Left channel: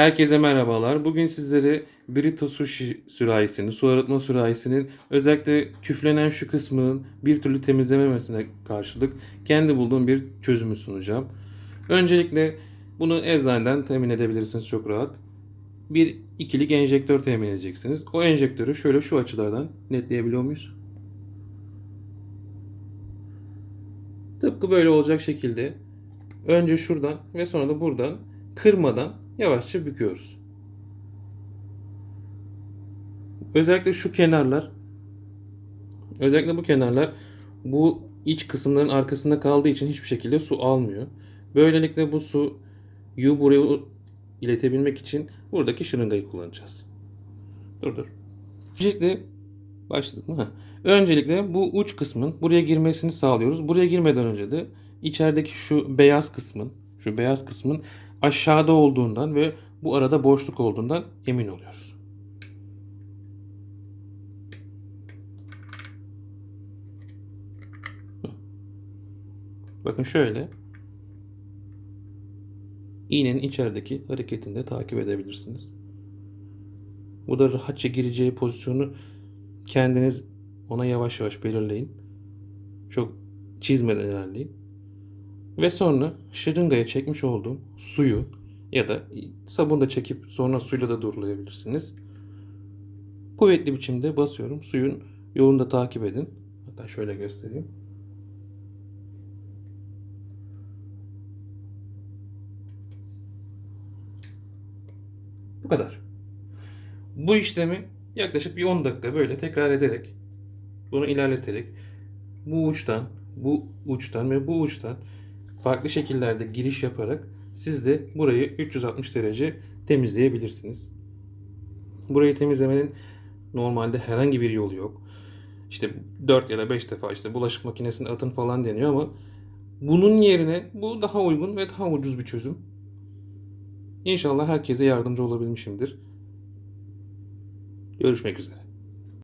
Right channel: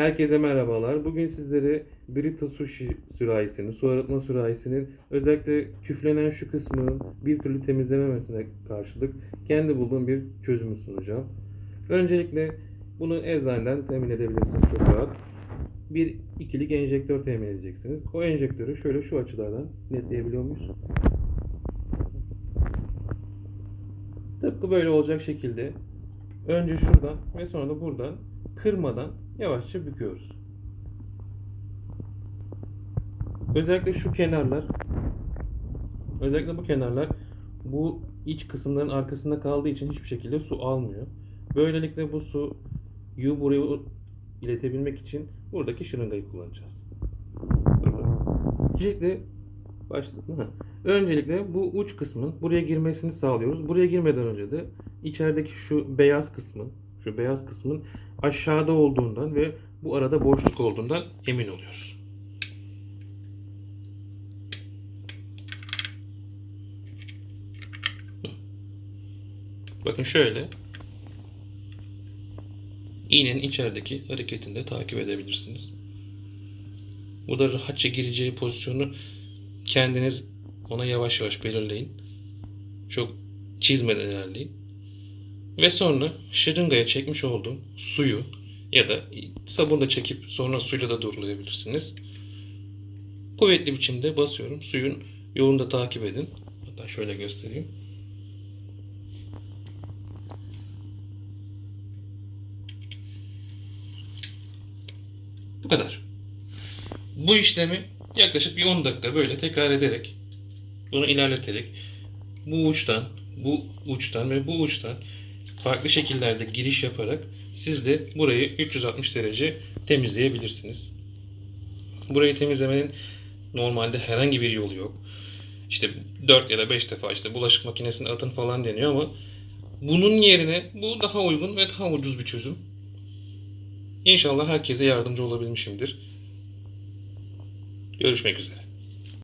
Herkese merhabalar. Bugün sizlere Brita Sushi sürahisinin, su arıtma sürahisinin özellikle küflenen şu kısmının bir türlü temizlememesine karşılık kendi bulduğum bir çözümü sunacağım. Öncelikle bunu eczaneden temin edebilirsiniz çok rahat. Bir ikilik enjektör temin edeceksiniz. O enjektörü şöyle şu açılardan netleyebiliyor muyuz? Tıpkı böyle olacak şekilde önce şuradan ve sonra da buradan kırmadan yavaşça büküyoruz. Özellikle şu kenarlar özellikle bu kenarlar bu iç kısımların arkasında kaldığı için hiçbir şekilde su almıyor. Böylelikle bu su yu buraya iletebilmek için buradaki şırıngayı kullanacağız. Dur dur. Öncelikle başladık mı? Öncelikle bu uç kısmın buraya girmesini sağlıyoruz. Buraya girmeden önce de içerideki şu beyaz kısmın, şu beyaz kısmın aşağıda olduğundan ve bu arada boşluk olduğundan emin oluyoruz. Bakın şöyle. İğnenin içerideki hareketini de takip edebilirsiniz. Bu da rahatça gireceği pozisyonu kendiniz ona yavaş yavaş belirleyin. Çok çizmeden ilerleyin. Ve sonra şırıngaya çekmiş olduğum suyu ya da sabunla çekip sonra suyla da doğrulayabilirsiniz. Kuvvetli biçimde basıyorum. Suyun yolunu da takip edin. Hatta şöyle göstereyim. Bu kadar. Bu işlemi yaklaşık bir 10 dakika böyle tekrar ederek bunu ilerleterek bu uçtan, bu uçtan ve bu uçtan farklı şekillerde giriş yaparak siz de burayı 360 derece temizleyebilirsiniz. Burayı temizlemenin normalde herhangi bir yolu yok. İşte 4 ya da 5 defa işte bulaşık makinesine atın falan deniyor ama bunun yerine bu daha uygun ve daha ucuz bir çözüm. İnşallah herkese yardımcı olabilmişimdir. Görüşmek üzere.